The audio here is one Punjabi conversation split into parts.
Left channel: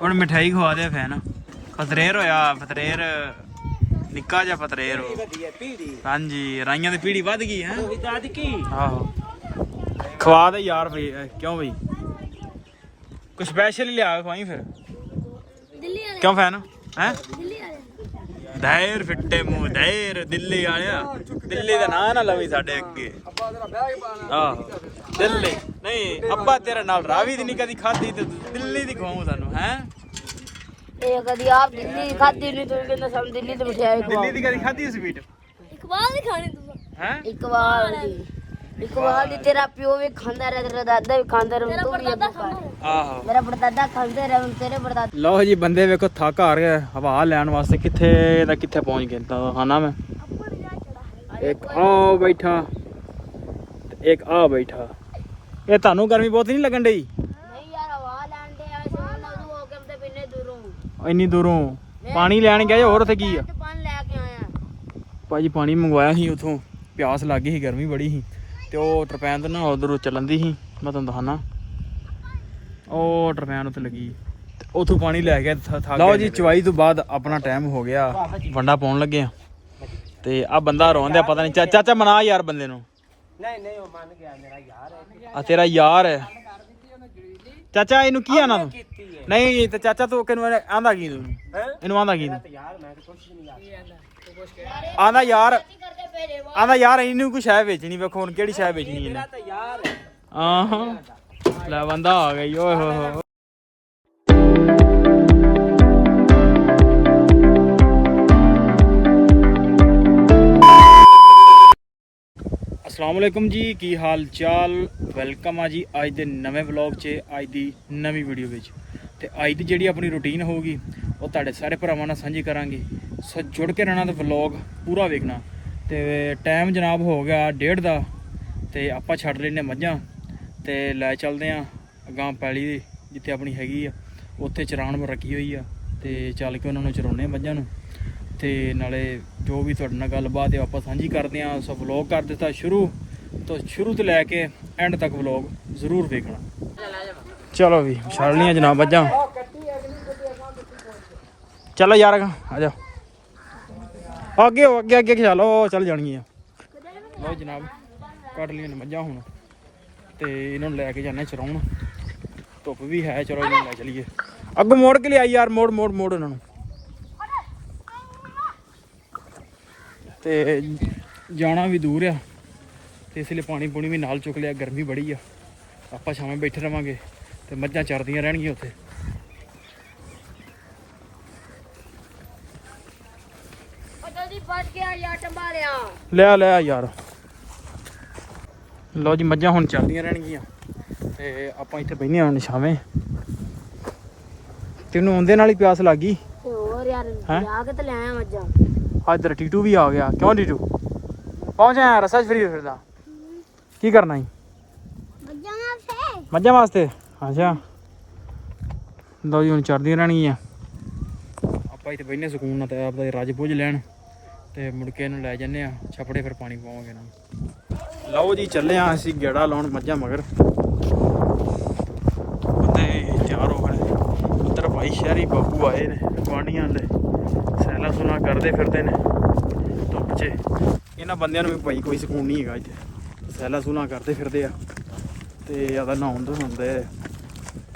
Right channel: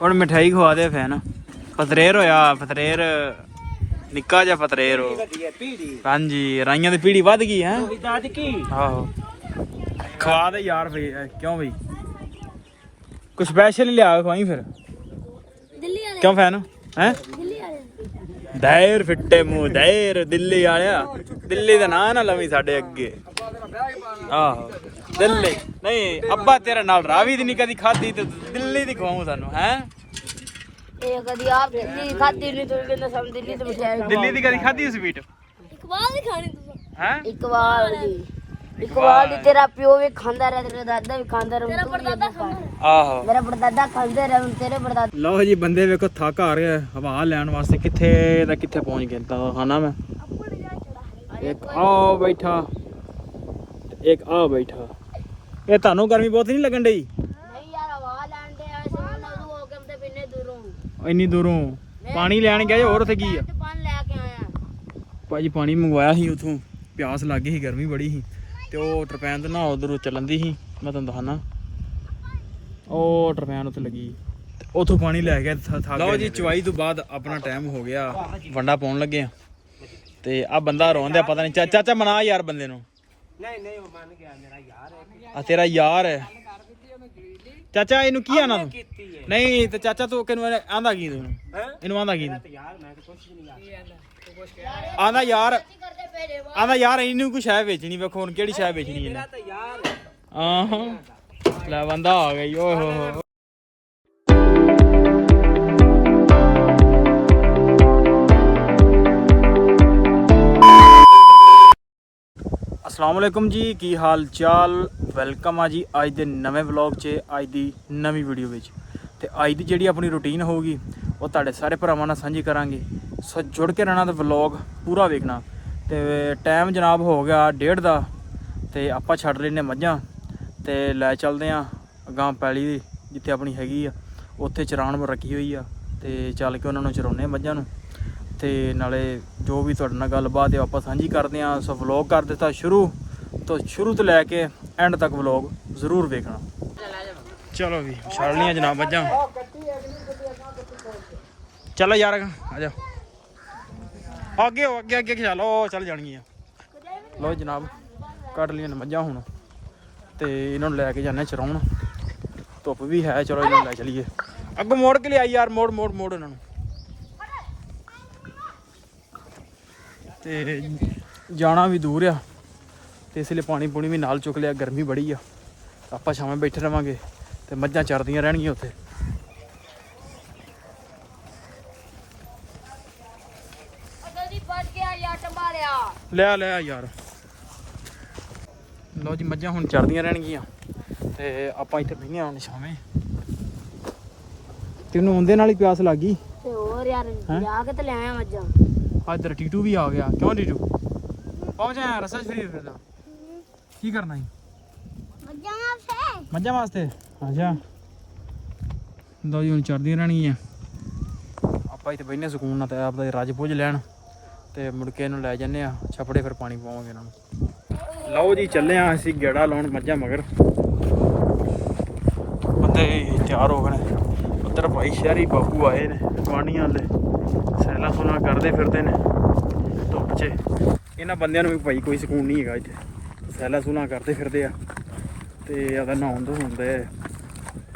ਹੁਣ ਮਿਠਾਈ ਖਵਾ ਦੇ ਫੈਨ ਪਤਰੇਰ ਹੋਇਆ ਪਤਰੇਰ ਨਿੱਕਾ ਜਿਹਾ ਪਤਰੇਰ ਹੋ ਹਾਂਜੀ ਰਾਈਆਂ ਦੀ ਪੀੜੀ ਵੱਧ ਗਈ ਹੈ ਆਹੋ ਖਵਾ ਦੇ ਯਾਰ ਬਈ ਕਿਉਂ ਬਈ ਕੁਛ ਸਪੈਸ਼ਲ ਹੀ ਲਿਆ ਖਵਾਈ ਫਿਰ ਕਿਉਂ ਫੈਨ ਹੈ ਦਾਇਰ ਫਿੱਟੇ ਮੂੰਹ ਦਾਇਰ ਦਿੱਲੀ ਆਇਆ ਦਿੱਲੀ ਦਾ ਨਾਂ ਨਾ ਲਵੀ ਸਾਡੇ ਅੱਗੇ ਆਹੋ ਦਿੱਲੀ ਨਹੀਂ ਅੱਬਾ ਤੇਰੇ ਨਾਲ ਰਾਵੀ ਦੀ ਨਹੀਂ ਕਦੀ ਖਾਧੀ ਤੇ ਦਿੱਲੀ ਦੀ ਖਵਾਉਂ ਤੁਹਾਨੂੰ ਹੈ ਇਹ ਕਦੀ ਆਪ ਦਿੱਲੀ ਖਾਧੀ ਨਹੀਂ ਤੂੰ ਕਹਿੰਦਾ ਸਭ ਦਿੱਲੀ ਤੇ ਮਠਿਆਈ ਦਿੱਲੀ ਦੀ ਕਦੀ ਖਾਧੀ ਸਵੀਟ ਇੱਕ ਵਾਰ ਹੀ ਖਾਣੀ ਤੂੰ ਹੈ ਇੱਕ ਵਾਰ ਦੀ ਤੇਰਾ ਪਿਓ ਵੀ ਖਾਂਦਾ ਰਿਹਾ ਤੇਰਾ ਦਾਦਾ ਵੀ ਖਾਂਦਾ ਰਿਹਾ ਤੂੰ ਵੀ ਅੱਗੋਂ ਖਾ ਆਹੋ ਮੇਰਾ ਪੜਦਾਦਾ ਖਾਂਦੇ ਰਿਹਾ ਤੇਰੇ ਪੜਦਾਦਾ ਲਓ ਜੀ ਬੰਦੇ ਵੇਖੋ ਥੱਕ ਆ ਰਿਹਾ ਹਵਾ ਲੈਣ ਵਾਸਤੇ ਕਿੱਥੇ ਦਾ ਕਿੱਥੇ ਪਹੁੰਚ ਗਏ ਤਾਂ ਖਾਣਾ ਮੈਂ ਇੱਕ ਆ ਬੈਠਾ ਇੱਕ ਆ ਬੈਠਾ ਇਹ ਤੁਹਾਨੂੰ ਗਰਮੀ ਬਹੁਤ ਨਹੀਂ ਲੱਗਣ ਡਈ ਨਹੀਂ ਯਾਰ ਹਵਾ ਲੈਣ ਦੇ ਆ ਸੋਨ ਉਦੋਂ ਹੋ ਕੇ ਤੇ ਬਿੰਨੇ ਦੂਰੋਂ ਇੰਨੀ ਦੂਰੋਂ ਪਾਣੀ ਲੈਣ ਗਏ ਹੋਰ ਉੱਥੇ ਕੀ ਆ ਤੇ ਪਾਣੀ ਲੈ ਕੇ ਆਇਆ ਭਾਜੀ ਪਾਣੀ ਮੰਗਵਾਇਆ ਸੀ ਉਥੋਂ ਪਿਆਸ ਲੱਗ ਗਈ ਸੀ ਗਰਮੀ ਬੜੀ ਸੀ ਤੇ ਉਹ ਟਰਪੈਨ ਤੇ ਨਾ ਉਧਰੋਂ ਚੱਲਣ ਦੀ ਸੀ ਮੈਂ ਤੁਹਾਨੂੰ ਦਿਖਾਣਾ ਉਹ ਟਰਪੈਨ ਉੱਤੇ ਲੱਗੀ ਤੇ ਉਥੋਂ ਪਾਣੀ ਲੈ ਕੇ ਥੱਕ ਗਏ ਲਓ ਜੀ ਚਵਾਈ ਤੋਂ ਬਾਅਦ ਆਪਣਾ ਟਾਈਮ ਹੋ ਗਿਆ ਵੰਡਾ ਪਾਉਣ ਲੱਗੇ ਆ ਤੇ ਆ ਬੰਦਾ ਰੋਂਦਿਆ ਪਤਾ ਨਹੀਂ ਚਾਚਾ ਮਨਾ ਯਾਰ ਬੰਦੇ ਨੂੰ ਨਹੀਂ ਉਹ ਮੰਨ ਗਿਆ ਮੇਰਾ ਯਾਰ ਹੈ ਆ ਤੇਰਾ ਯਾਰ ਹੈ ਚਾਚਾ ਇਹਨੂੰ ਕੀ ਆਣਾ ਤੂੰ ਨਹੀਂ ਤੇ ਚਾਚਾ ਤੂੰ ਕਿਨੂੰ ਆਂਦਾ ਕੀ ਤੂੰ ਇਹਨੂੰ ਆਂਦਾ ਕੀ ਯਾਰ ਮੈਂ ਤਾਂ ਕੁਝ ਨਹੀਂ ਆਂਦਾ ਯਾਰ ਇਹਨੂੰ ਕੋਈ ਸ਼ੈ ਵੇਚਣੀ ਵੇਖੋ ਹੁਣ ਕਿਹੜੀ ਸ਼ੈ ਵੇਚਣੀ ਇਹਨੇ ਤਾਂ ਯਾਰ ਆਹਾਂ ਲੈ ਬੰਦਾ ਆ ਗਈ ਓਏ ਹੋ ਹੋ अस्सलाम वालेकुम जी की हाल चाल वेलकम आ जी अज के नवे व्लॉग च अज की नवी वीडियो में तो अज की जी अपनी रूटीन होगी वो तुहाडे सारे भरावां नाल सांझी करांगे सो जुड़ के रहना तो व्लॉग पूरा वेखना तो टाइम जनाब हो गया 1:30 का तो आपां छड्ड लैने मझां तो लै चलते हैं अगां पैली जिथे अपनी हैगी आ उत्थे चराण रखी हुई आ तो चल के उन्होंने चराउने मझां नूं ਤੇ ਨਾਲੇ ਜੋ ਵੀ ਤੁਹਾਡੇ ਨਾਲ ਗੱਲਬਾਤ ਹੈ ਆਪਾਂ ਸਾਂਝੀ ਕਰਦੇ ਆਂ ਸੋ ਵਲੌਗ ਕਰ ਦਿੱਤਾ ਸ਼ੁਰੂ ਤੋਂ ਲੈ ਕੇ ਐਂਡ ਤੱਕ ਵਲੌਗ ਜ਼ਰੂਰ ਵੇਖਣਾ ਚਲੋ ਵੀ ਛੱਡ ਲੀਆਂ ਜਨਾਬ ਬੱਜਾਂ ਚਲੋ ਯਾਰ ਆ ਜਾ ਅੱਗੇ ਚਲੋ ਚੱਲ ਜਾਣਗੀਆਂ ਲੋ ਜਨਾਬ ਕੱਢ ਲੀਆਂ ਮੱਝਾਂ ਹੁਣ ਤੇ ਇਹਨਾਂ ਨੂੰ ਲੈ ਕੇ ਜਾਂਦੇ ਚਰਾਉਣ ਧੁੱਪ ਵੀ ਹੈ ਚਲੋ ਇਹਨਾਂ ਨੂੰ ਲੈ ਚਲੀਏ ਅੱਗੋਂ ਮੋੜ ਕੇ ਲਿਆਈ ਯਾਰ ਮੋੜ ਉਹਨਾਂ ਨੂੰ ਤੇ ਜਾਣਾ ਵੀ ਦੂਰ ਆ ਤੇ ਇਸ ਲਈ ਪਾਣੀ ਪੂਣੀ ਵੀ ਨਾਲ ਚੁੱਕ ਲਿਆ ਗਰਮੀ ਬੜੀ ਆ ਆਪਾਂ ਛਾਵੇਂ ਬੈਠੇ ਰਵਾਂਗੇ ਤੇ ਮੱਝਾਂ ਚਰਦੀਆਂ ਰਹਿਣਗੀਆਂ ਉੱਥੇ ਲਿਆ ਯਾਰ ਲਓ ਜੀ ਮੱਝਾਂ ਹੁਣ ਚਰਦੀਆਂ ਰਹਿਣਗੀਆਂ ਤੇ ਆਪਾਂ ਇੱਥੇ ਬੈਠੇ ਹੁਣ ਛਾਵੇਂ ਤੈਨੂੰ ਆਉਂਦੇ ਨਾਲ ਹੀ ਪਿਆਸ ਲੱਗ ਗਈ ਤੇ ਹੋਰ ਯਾਰ ਜਾ ਕੇ ਤੇ ਲੈ ਆਇਆ ਮੱਝਾਂ ਇੱਧਰ ਟੀਟੂ ਵੀ ਆ ਗਿਆ ਕਿਉਂ ਟੀਟੂ ਪਹੁੰਚਿਆ ਰਸਾ ਫਰੀ ਫਿਰਦਾ ਕੀ ਕਰਨਾ ਹੈ ਮੱਝਾਂ ਵਾਸਤੇ ਅੱਛਾ ਲਓ ਜੀ ਹੁਣ ਚੜਦੀਆਂ ਰਹਿਣਗੀਆਂ ਆਪਾਂ ਇੱਥੇ ਬੈਠੇ ਸਕੂਨ ਨਾਲ ਤੇ ਆਪਦਾ ਰੱਜ ਪੁੱਜ ਲੈਣ ਤੇ ਮੁੜ ਕੇ ਇਹਨੂੰ ਲੈ ਜਾਂਦੇ ਆ ਛਪੜੇ ਫਿਰ ਪਾਣੀ ਪਾਵਾਂਗੇ ਇਹਨਾਂ ਨੂੰ ਲਓ ਜੀ ਚੱਲੇ ਆ ਅਸੀਂ ਗੇੜਾ ਲਾਉਣ ਮੱਝਾਂ ਮਗਰ ਤੇ ਤਿਆਰ ਹੋ ਗਏ ਉੱਧਰ ਭਾਈ ਸ਼ਹਿਰੀ ਬਾਬੂ ਆਏ ਨੇ ਗੁਆਂਢੀਆਂ ਵਾਲੇ ਸੈਲਾ ਸੁਲਾ ਕਰਦੇ ਫਿਰਦੇ ਨੇ ਧੁੱਪ 'ਚ ਇਹਨਾਂ ਬੰਦਿਆਂ ਨੂੰ ਵੀ ਭਾਈ ਕੋਈ ਸਕੂਨ ਨਹੀਂ ਹੈਗਾ ਇੱਥੇ ਸੈਲਾ ਸੁਲਾ ਕਰਦੇ ਫਿਰਦੇ ਆ ਤੇ ਆਦਾ ਨਹਾਉਣ ਤੋਂ ਹੁੰਦੇ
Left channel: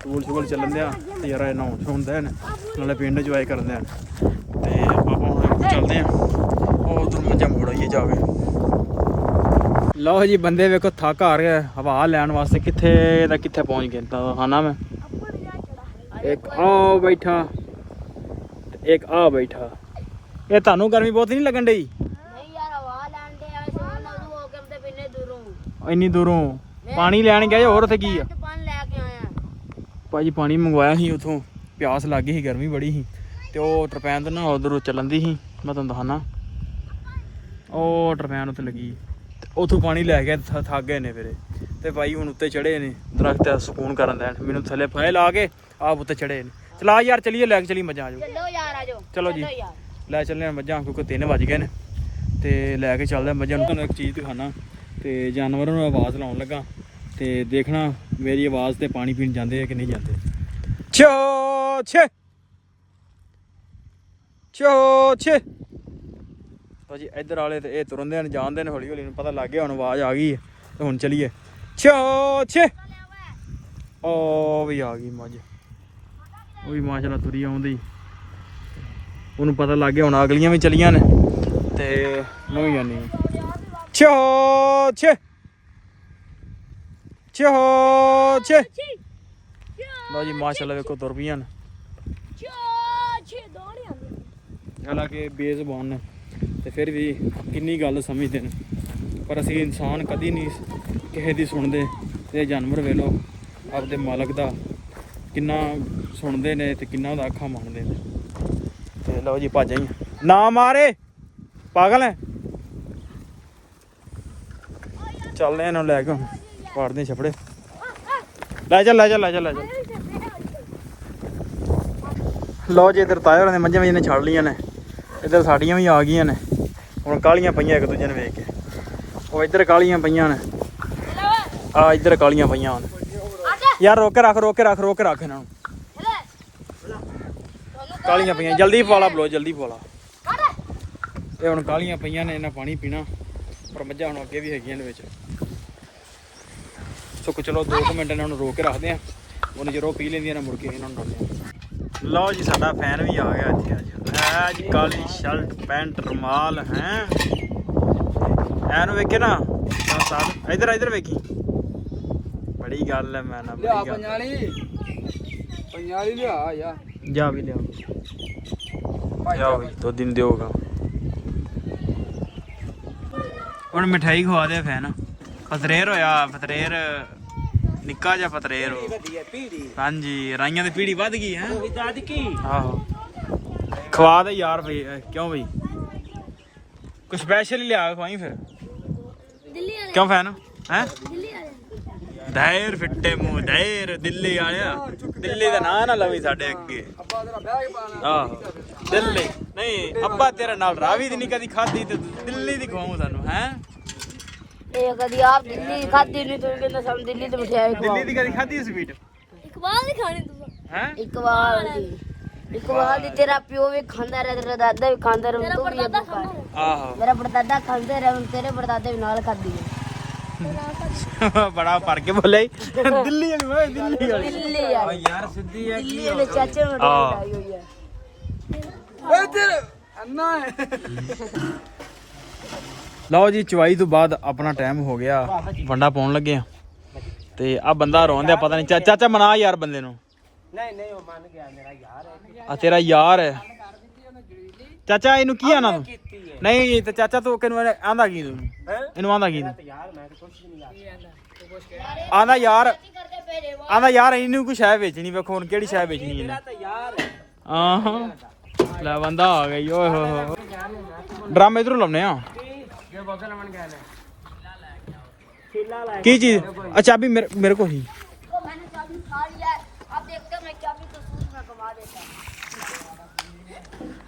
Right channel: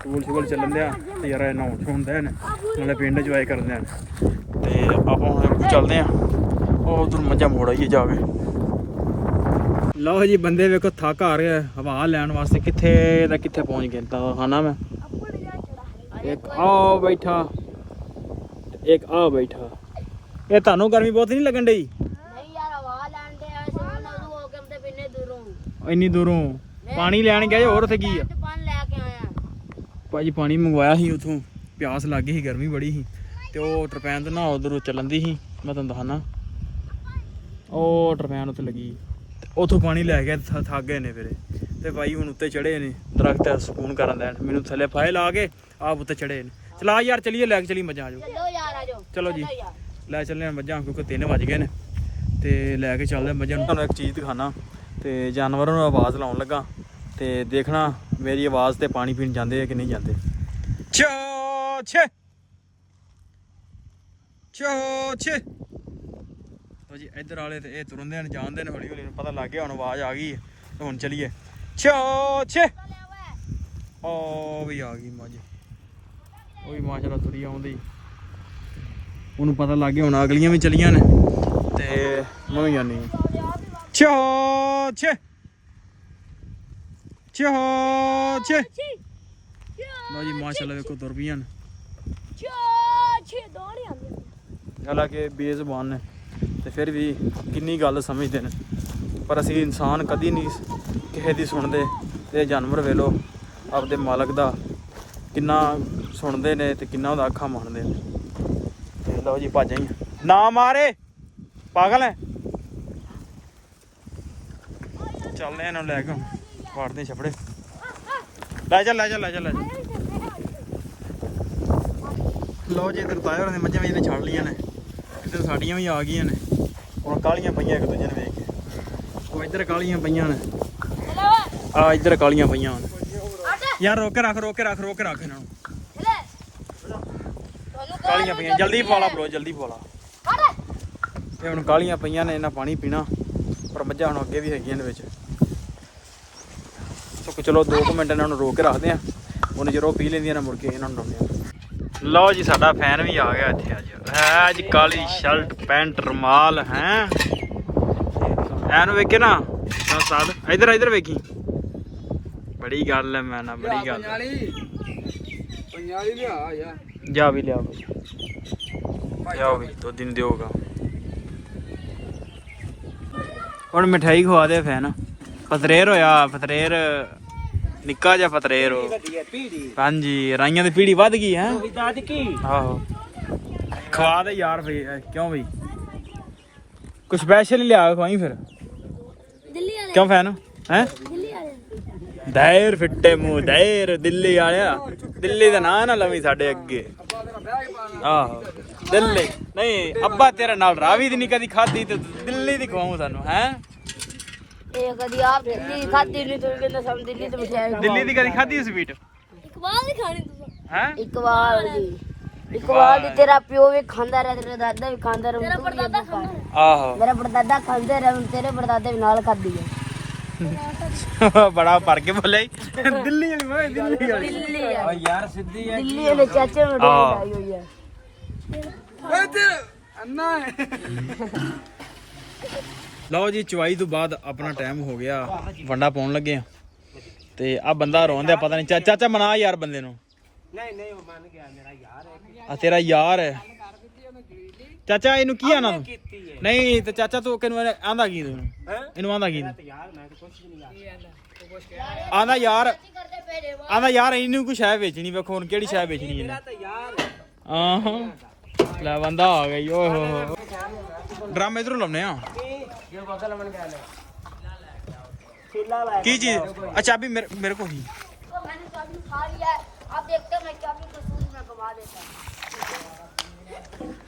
ਸਕੂਲ ਚੱਲਣ ਦਿਆ ਤੇ ਯਾਰ ਨਹਾਉਣ ਹੁੰਦੇ ਨੇ ਨਾਲੇ ਪਿੰਡ ਇੰਜੋਏ ਕਰਦੇ ਆ ਤੇ ਆਪਾਂ ਚੱਲਦੇ ਆ ਉਹ ਉਧਰ ਮੱਝਾਂ ਮੋੜ ਆਈਏ ਜਾ ਕੇ ਲਓ ਜੀ ਬੰਦੇ ਵੇਖੋ ਥੱਕ ਆ ਰਿਹਾ ਹਵਾ ਲੈਣ ਵਾਸਤੇ ਕਿੱਥੇ ਦਾ ਕਿੱਥੇ ਪਹੁੰਚ ਗਏ ਤਾਂ ਖਾਣਾ ਮੈਂ ਇੱਕ ਆ ਬੈਠਾ ਇੱਕ ਆ ਬੈਠਾ ਇਹ ਤੁਹਾਨੂੰ ਗਰਮੀ ਬਹੁਤ ਨਹੀਂ ਲੱਗਣ ਡਈ ਨਹੀਂ ਯਾਰ ਹਵਾ ਲੈਣ ਦੇ ਆ ਸੋਨ ਉਦੋਂ ਹੋ ਕੇ ਤੇ ਬਿੰਨੇ ਦੂਰੋਂ ਇੰਨੀ ਦੂਰੋਂ ਪਾਣੀ ਲੈਣ ਗਏ ਹੋਰ ਉੱਥੇ ਕੀ ਆ ਤੇ ਪਾਣੀ ਲੈ ਕੇ ਆਇਆ ਭਾਜੀ ਪਾਣੀ ਮੰਗਵਾਇਆ ਸੀ ਉਥੋਂ ਪਿਆਸ ਲੱਗ ਗਈ ਸੀ ਗਰਮੀ ਬੜੀ ਸੀ ਤੇ ਉਹ ਟਰਪੈਨ ਤੇ ਨਾ ਉਧਰੋਂ ਚੱਲਣ ਦੀ ਸੀ ਮੈਂ ਤੁਹਾਨੂੰ ਦਿਖਾਣਾ ਉਹ ਟਰਪੈਨ ਉੱਤੇ ਲੱਗੀ ਤੇ ਉਥੋਂ ਪਾਣੀ ਲੈ ਕੇ ਥੱਕ ਗਏ ਨੇ ਫਿਰ ਤੇ ਭਾਈ ਹੁਣ ਉੱਤੇ ਚੜੇ ਨੇ ਦਰਖਤ ਸਕੂਨ ਕਰਨ ਦੇਣ ਮੈਨੂੰ ਥੱਲੇ ਫਾਇ ਲਾ ਕੇ ਆਪ ਉੱਤੇ ਚੜੇ ਨੇ ਚਲਾ ਯਾਰ ਚਲੀਏ ਲੈ ਕੇ ਚਲੀ ਮੱਝਾਂ ਆਜੋ ਚਲੋ ਯਾਰ ਆਜੋ ਚਲੋ ਜੀ ਲੈ ਚੱਲੇ ਮੱਝਾਂ ਕਿਉਂਕਿ 3 ਵਜ ਗਏ ਨੇ ਤੇ ਲੈ ਕੇ ਚੱਲਦੇ ਮੱਝਾਂ ਨੂੰ ਤੁਹਾਨੂੰ ਇੱਕ ਚੀਜ਼ ਦਿਖਾਣਾ ਤੇ ਜਾਨਵਰਾਂ ਨੂੰ ਆਵਾਜ਼ ਲਾਉਣ ਲੱਗਾ ਤੇ ਦੇਖਣਾ ਮੇਰੀ ਆਵਾਜ਼ ਤੇ ਪਾਣੀ ਪੀਣ ਜਾਂਦੇ ਆ ਕਿ ਨਹੀਂ ਜਾਂਦੇ ਚੋ ਚੋ ਤਾਂ ਜੀ ਇੱਧਰ ਵਾਲੇ ਤੇ ਇਹ ਤੁਰਨਦੇ ਨੇ ਜਾਣਦੇ ਨੇ ਹੌਲੀ ਹੌਲੀ ਨੂੰ ਪਤਾ ਲੱਗ ਗਿਆ ਹੁਣ ਆਵਾਜ਼ ਆ ਗਈ ਹੈ ਤੇ ਹੁਣ ਚਲੀਏ ਚੋ ਉਹ ਵੀ ਆ ਗਈ ਮੱਝ ਉਹ ਵੀ ਮਾਸ਼ਾਅੱਲਾ ਤੁਰੀ ਆਉਂਦੀ ਉਹਨੂੰ ਪਤਾ ਲੱਗ ਗਿਆ ਹੁਣ ਅਗਲੀਆਂ ਵੀ ਚਲੀਆਂ ਨੇ ਤੇ ਮੈਂ ਵੀ ਜਾਨੀ ਚੋ ਲਓ ਜੀ ਮਾਸ਼ਾਅੱਲਾ ਵੇਖੋ ਤੁਰ ਪਈਆਂ ਨੇ ਹਾਲਾਂਕਿ ਬੇਜ਼ੁਬਾਨ ਨੇ ਤੇ ਫਿਰ ਵੀ ਕਿੰਨੀ ਗੱਲ ਸਮਝਦੇ ਨੇ ਪਰ ਅਸੀਂ ਇਨਸਾਨ ਕਦੀ ਨਹੀਂ ਕਿਸੇ ਦੀ ਸੁਣਦੇ ਤੇ ਜਾਨਵਰ ਵੇਖ ਲਓ ਆਪਦੇ ਮਾਲਕ ਦਾ ਕਿੰਨਾ ਸੁਣਦੇ ਨੇ ਤੇ ਕਿੰਨਾ ਉਹਦਾ ਅੱਖਾਂ ਮੰਨਦੇ ਨੇ ਤੇ ਲਓ ਜੀ ਭੱਜ ਆਈ ਨਾ ਮਾਰੇ ਪਾਗਲ ਹੈ ਚੱਲਦੇ ਇਹਨਾਂ ਲੈ ਕੇ ਪਾੜਦੇ ਛਪੜੇ ਲੈ ਚੱਲ ਲਓ ਜੀ ਇੱਧਰ ਤਾਏ ਹੋਰਾਂ ਨੇ ਮੱਝਾਂ ਨੇ ਛੱਡ ਲਈਆਂ ਨੇ ਇੱਧਰ ਸਾਡੀਆਂ ਵੀ ਆ ਗਈਆਂ ਨੇ ਹੁਣ ਕਾਲੀਆਂ ਪਈਆਂ ਇੱਕ ਦੂਜੇ ਨੂੰ ਵੇਖ ਕੇ ਉਹ ਇੱਧਰ ਕਾਲੀਆਂ ਪਈਆਂ ਨੇ ਆ ਇੱਧਰ ਕਾਲੀਆਂ ਪਈਆਂ ਹੁਣ ਯਾਰ ਰੋਕ ਕੇ ਰੱਖ ਇਹਨਾਂ ਨੂੰ ਕਾਲੀਆਂ ਪਈਆਂ ਜਲਦੀ ਪਾਲਾ ਬਲੋ ਜਲਦੀ ਪਾਲਾ ਇਹ ਹੁਣ ਕਾਲੀਆਂ ਪਈਆਂ ਨੇ ਇਹਨਾਂ ਪਾਣੀ ਪੀਣਾ ਪਰ ਮੱਝਾਂ ਹੁਣ ਅੱਗੇ ਵੀ ਹੈਗੀਆਂ ਨੇ ਵਿੱਚ ਚਲੋ 2 ਮਿੰਟ ਇਹਨਾਂ ਨੂੰ ਰੋਕ ਕੇ ਰੱਖਦੇ ਆ ਉਹਨੇ ਜਦੋਂ ਪੀ ਲੈਂਦੀਆਂ ਨੇ ਮੁੜ ਕੇ ਇਹਨਾਂ ਨੂੰ ਰੋਕਿਆ ਲਓ ਜੀ ਸਾਡਾ ਫੈਨ ਵੀ ਆ ਗਿਆ ਇੱਥੇ ਅੱਜ ਕਾਲੀ ਸ਼ਰਟ ਪੈਂਟ ਰੁਮਾਲ ਹੈ ਐਨੂੰ ਵੇਖੇ ਨਾ ਸਾਦ ਇੱਧਰ ਵੇਖੀ ਬੜੀ ਗੱਲ ਹੈ ਮੈਂ ਨਾ ਬੜੀ ਗੱਲ ਪੰਜਾਲੀ ਲਿਆ ਜਾ ਵੀ ਲਿਆ ਜਾਓ ਵੀ 2 ਦਿਨ ਦਿਓਗਾ ਹੁਣ ਮਿਠਾਈ ਖਵਾ ਦੇ ਫੈਨ ਫਤਰੇਰ ਹੋਇਆ ਫਤਰੇਰ ਨਿੱਕਾ ਜਿਹਾ ਫਤਰੇਰ ਹੋ ਹਾਂਜੀ ਰਾਈਆਂ ਦੀ ਪੀੜੀ ਵੱਧ ਗਈ ਹੈ ਆਹੋ ਖਵਾ ਦੇ ਯਾਰ ਬਈ ਕਿਉਂ ਬਈ ਕੁਝ ਸਪੈਸ਼ਲ ਹੀ ਲਿਆ ਖਵਾਈ ਫਿਰ ਕਿਉਂ ਫੈਨ ਹੈ ਦਾਇਰ ਫਿੱਟੇ ਮੂੰਹ ਦਾਇਰ ਦਿੱਲੀ ਆਇਆ ਦਿੱਲੀ ਦਾ ਨਾਂ ਨਾ ਲਵੀ ਸਾਡੇ ਅੱਗੇ ਆਹੋ ਦਿੱਲੀ ਨਹੀਂ ਅੱਬਾ ਤੇਰੇ ਨਾਲ ਰਾਵੀ ਦੀ ਨਹੀਂ ਕਦੀ ਖਾਦੀ ਤੇ ਦਿੱਲੀ ਦੀ ਖਵਾਉਂ ਤੁਹਾਨੂੰ ਹੈ ਇਹ ਕਦੀ ਆਪ ਦਿੱਲੀ ਖਾਦੀ ਨਹੀਂ ਤੂੰ ਕਹਿੰਦਾ ਸਮ ਦਿੱਲੀ ਤੇ ਮਠਿਆਈ ਦਿੱਲੀ ਦੀ ਕਦੀ ਖਾਦੀ ਸਵੀਟ ਇਕਬਾਲ ਦੀ ਖਾਣੀ ਤੂੰ ਹੈ ਇਕਬਾਲ ਦੀ ਤੇਰਾ ਪਿਓ ਵੀ ਖਾਂਦਾ ਰਿਹਾ ਤੇਰਾ ਦਾਦਾ ਵੀ ਖਾਂਦਾ ਰਿਹਾ ਤੂੰ ਵੀ ਅੱਗੋਂ ਖਾ ਆਹੋ ਮੇਰਾ ਪੜਦਾਦਾ ਖਾਂਦੇ ਰਿਹਾ ਤੇਰੇ ਪੜਦਾਦੇ ਵੀ ਨਾਲ ਖਾਦੀ ਹੈ ਬੜਾ ਭਰ ਕੇ ਬੋਲਿਆ ਦਿੱਲੀ ਵਾਲੀ ਦਿੱਲੀ ਵਾਲੀ ਦਿੱਲੀ ਆ ਯਾਰ ਸਿੱਧੀ ਹੈ ਦਿੱਲੀ ਉਹਦੇ ਚਾਚੇ ਨੂੰ ਹਾਂ। ਹੋਈ ਹੈ ਲਓ ਜੀ ਚਵਾਈ ਤੋਂ ਬਾਅਦ ਆਪਣਾ ਟਾਈਮ ਹੋ ਗਿਆ ਵੰਡਾ ਪਾਉਣ ਲੱਗੇ ਆ ਤੇ ਆ ਬੰਦਾ ਰੋਂਦਿਆ ਪਤਾ ਨਹੀਂ ਚਾਚਾ ਮਨਾ ਯਾਰ ਬੰਦੇ ਨੂੰ ਨਹੀਂ ਉਹ ਮੰਨ ਗਿਆ ਮੇਰਾ ਯਾਰ ਹੈ ਆ ਤੇਰਾ ਯਾਰ ਹੈ ਚਾਚਾ ਇਹਨੂੰ ਕੀ ਆਣਾ ਤੂੰ ਨਹੀਂ ਤੇ ਚਾਚਾ ਤੂੰ ਕਿਨੂੰ ਆਂਦਾ ਕੀ ਤੂੰ ਇਹਨੂੰ ਆਂਦਾ ਕੀ ਯਾਰ ਮੈਂ ਤਾਂ ਕੁਝ ਵੀ ਨਹੀਂ ਯਾਰ ਆਂਦਾ ਯਾਰ ਇਹਨੂੰ ਕੋਈ ਸ਼ੈ ਵੇਚਣੀ ਵੇਖੋ ਹੁਣ ਕਿਹੜੀ ਸ਼ੈ ਵੇਚਣੀ ਇਹਨੇ ਤਾਂ ਯਾਰ ਆਹਾਂ ਲੈ ਬੰਦਾ ਆ ਗਈ ਓਏ ਹੋ ਹੋ ਡਰਮ ਇਧਰੋਂ ਲਾਉਨੇ ਆ ਜੇ ਬੋਤਲ ਬਣ ਗਿਆ ਨਾ ਕੀ ਚੀਜ਼ ਚਾਬੀ ਮੇਰੇ ਕੋਲ ਹੀ मैंने चाबी खा लिया है अब देखते हैं मैं चाबी को सूझ में घुमा देता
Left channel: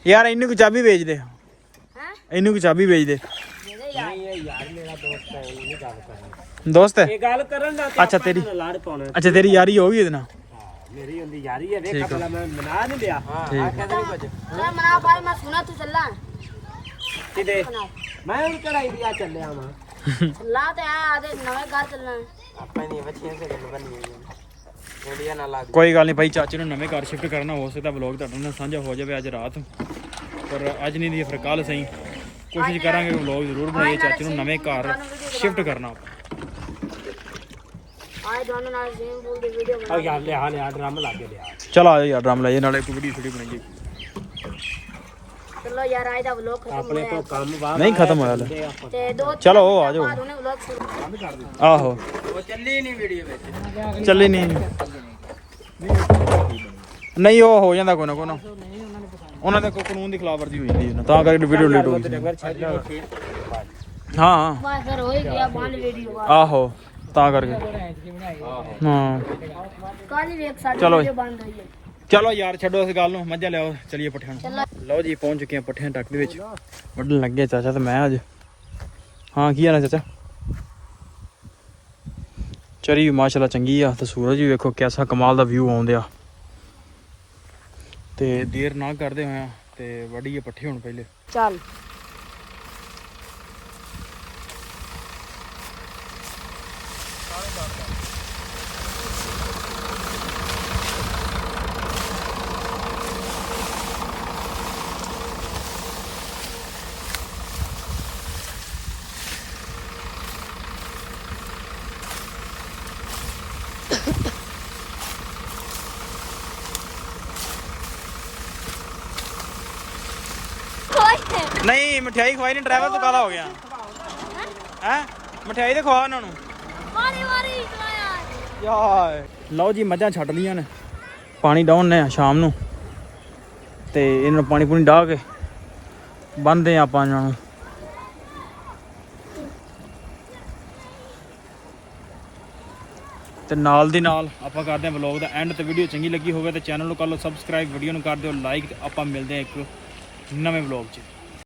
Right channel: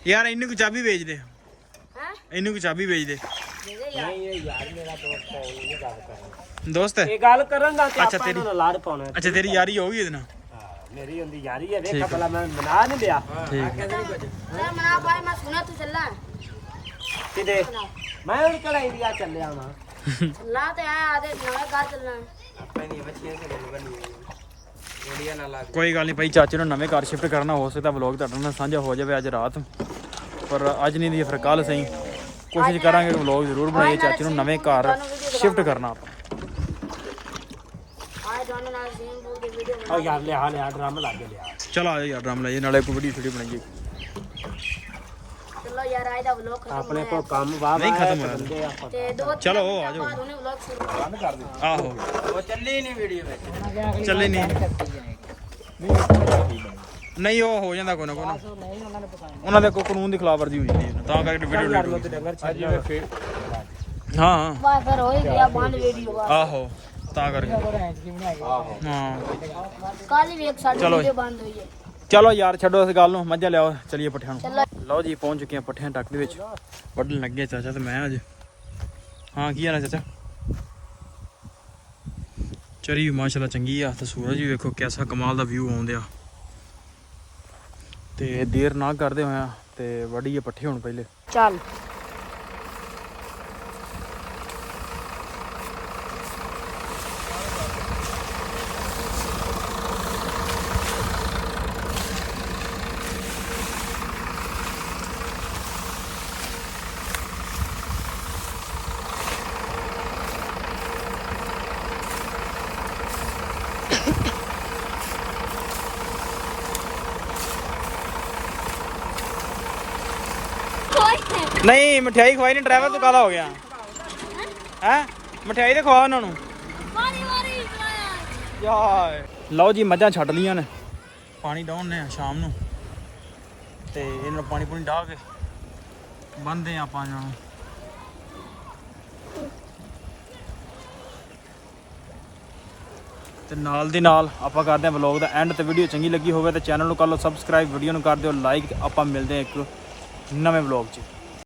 ਯਾਰ ਇਹਨੂੰ ਕੋਈ ਚਾਬੀ ਵੇਚ ਦੇ हैं ਇਹਨੂੰ ਕੋਈ ਚਾਬੀ ਵੇਚ ਦੇ मेरे यार ਯਾਰ ਮੇਰਾ ਦੋਸਤ ਹੈ ਇਹ ਨਹੀਂ ਗੱਲ ਕਰਨੀ ਦੋਸਤ ਹੈ ਇਹ ਗੱਲ ਕਰਨ ਦਾ ਅੱਛਾ ਤੇਰੀ ਲਾੜ ਪਾਉਣਾ ਅੱਛਾ ਤੇਰੀ ਯਾਰੀ ਹੋ ਗਈ ਇਹਦੇ ਨਾਲ ਮੇਰੀ ਹੁੰਦੀ ਯਾਰੀ ਹੈ ਠੀਕ ਦੇਖ ਆ। ਪਹਿਲਾਂ ਮੈਂ ਮਨਾ ਨਹੀਂ ਲਿਆ ਠੀਕ मैं मना भाई मैं सुना तू चलना ਕਿਤੇ ਮੈਂ ਹੁਣ ਕਿਹੜਾ ਏਰੀਆ ਚੱਲਿਆ ਵਾਂ चलना तो है आधे नवे घर चलना है ਆਪਣੇ ਨਹੀਂ ਬੱਚੇ ਸੇ ਗੱਲ ਕਰਨੀ ਹੈ ਏਰੀਆ ਨਾ ਲਾ ਕੋਈ ਗੱਲ ਨਹੀਂ ਭਾਈ ਚਾਚੇ ਨੂੰ ਨਵੇਂ ਘਰ ਸ਼ਿਫਟ ਕਰਨਾ ਹੋ ਸਕਦਾ ਵਲੌਗ ਤੁਹਾਡੇ ਨਾਲ ਸਾਂਝਾ ਹੋ ਜਾਵੇ ਅੱਜ ਰਾਤ ਪਰ ਅੱਜ ਨਹੀਂ ਦੀ ਫਿਰ ਕੱਲ ਸਹੀ ਕੋਸ਼ਿਸ਼ ਕਰਾਂਗੇ ਕਿ ਵਲੌਗ ਜ਼ਰੂਰ ਬਣਾਈਏ ਚਾਚੇ ਨੂੰ ਨਵੇਂ ਘਰ ਸ਼ਿਫਟ ਕਰਨਾ ਆਪਾਂ आए दोनों नाल स्विमिंग पूल की वीडियो ਉਹ ਯਾਰ ਲਿਆ ਡਰਮ ਲਾ ਕੇ ਲਿਆ ਚਲ ਆ ਜਾ ਯਾਰ ਡਰਮ ਲਾਈਏ ਨਾਲੇ ਕੋਈ ਵੀਡੀਓ ਛੋਟੀ ਬਣਾਈਏ चलो यार आए दा व्लॉग खत्म ਆਪਣੇ हो ਤੋਂ ਕੰਮ ਬਾਅਦ ਨਹੀਂ ਖਤਮ ਹੋਇਆ ਲੈ ते दो चलो, आ जाओ। बाद उन्हें व्लॉग शुरू ਬੰਦ ਕਰ ਦੇ ਆਹੋ ਉਹ ਚੱਲੀ ਨਹੀਂ ਵੀਡੀਓ ਵਿੱਚ ਚੱਲੇ ਨਹੀਂ ਨਹੀਂ ਉਹ ਹੋ ਜਾਂਦਾ ਕੋਈ ਨਾ ਕੋਈ ਨਾ ਉਹਨਾਂ ਦੇ ਕੋਈ ਕਾਨੂੰਨ ਦੀ ਖਿਲਾਫਵਰਜੀ ਹੋਈ ਜਾਂਦੀ ਹੈ, ਤਾਂ ਕਰਕੇ ਵੀਡੀਓ ਲੇਟ ਹੋ ਗਈ ਹਾਂ बस फिर हो ही गया बंद वीडियो ਆਹੋ ਤਾਂ ਕਰਕੇ ਹਾਂ कल भी एक साल चलो। वीडियो बंद हुई है ਚਲੋ ਯਾਰ ਛੱਡੋ ਇਸ ਗੱਲ ਨੂੰ ਮੱਝਾਂ ਲਿਆਓ ਚਲੀਏ ਪੱਠਿਆਂ ਨੂੰ ਲਓ ਜੀ ਪਹੁੰਚ ਚੁੱਕੇ ਆ ਪੱਠਿਆਂ ਟੱਕ ਦੇ ਵਿੱਚ ਵੱਢਣ ਲੱਗੇ ਚਾਚਾ ਤੇ ਮੈਂ ਅੱਜ ਹਾਂ ਕੀ ਹਾਲ ਆ ਚਾਚਾ ਚਰੀ ਵੀ ਮਾਸ਼ਾਅੱਲਾ ਚੰਗੀ ਆ ਤੇ ਸੂਰਜ ਵੀ ਵੇਖੋ ਕਿਹਦਾ ਕਮਾਲ ਦਾ ਵਿਊ ਆਉਂਦਿਆ ਤੇ ਦੇਰ ਨਾ ਕਰਦੇ ਹੋਇਆ ਤੇ ਵੱਢੀਏ ਪੱਠੇ ਹੁਣ ਪਹਿਲੇ। ਚੱਲ ਨਹੀਂ ਮਠਿਆਈ ਖਵਾਈ ਨਹੀਂ, ਡਰਾਈਵਰ ਤੂੰ ਕਾਲਾ ਹੋ ਗਿਆ ਹੈ। ਮਠਿਆਈ ਤੇ ਖਵਾ ਉਹਨਾਂ ਨੂੰ। ਲਓ ਜੀ ਮੱਝਾਂ ਛੱਡ ਲੀਆਂ ਨੇ, ਪਾਣੀ ਡਾਉਣ ਨੇ ਸ਼ਾਮ ਨੂੰ ਤੇ ਇਹਨਾਂ ਨੂੰ ਪਾਣੀ ਪੂਣੀ ਡਾਹ ਕੇ ਬੰਨਦੇ ਆਪਾਂ ਇਹਨਾਂ ਨੂੰ। ਤੇ ਨਾਲ ਦੀ ਨਾਲ ਆਪਾਂ ਕਰਦੇ ਹਾਂ ਵਲੌਗ ਦਾ ਐਂਡ। ਤੇ ਵੀਡੀਓ ਚੰਗੀ ਲੱਗੀ ਹੋਵੇ ਤਾਂ ਚੈਨਲ ਨੂੰ ਕਰ ਲਓ ਸਬਸਕ੍ਰਾਈਬ, ਵੀਡੀਓ ਨੂੰ ਕਰ ਦਿਓ ਲਾਈਕ ਤੇ ਆਪਾਂ ਮਿਲਦੇ ਹਾਂ ਇੱਕ ਨਵੇਂ ਵਲੌਗ 'ਚ।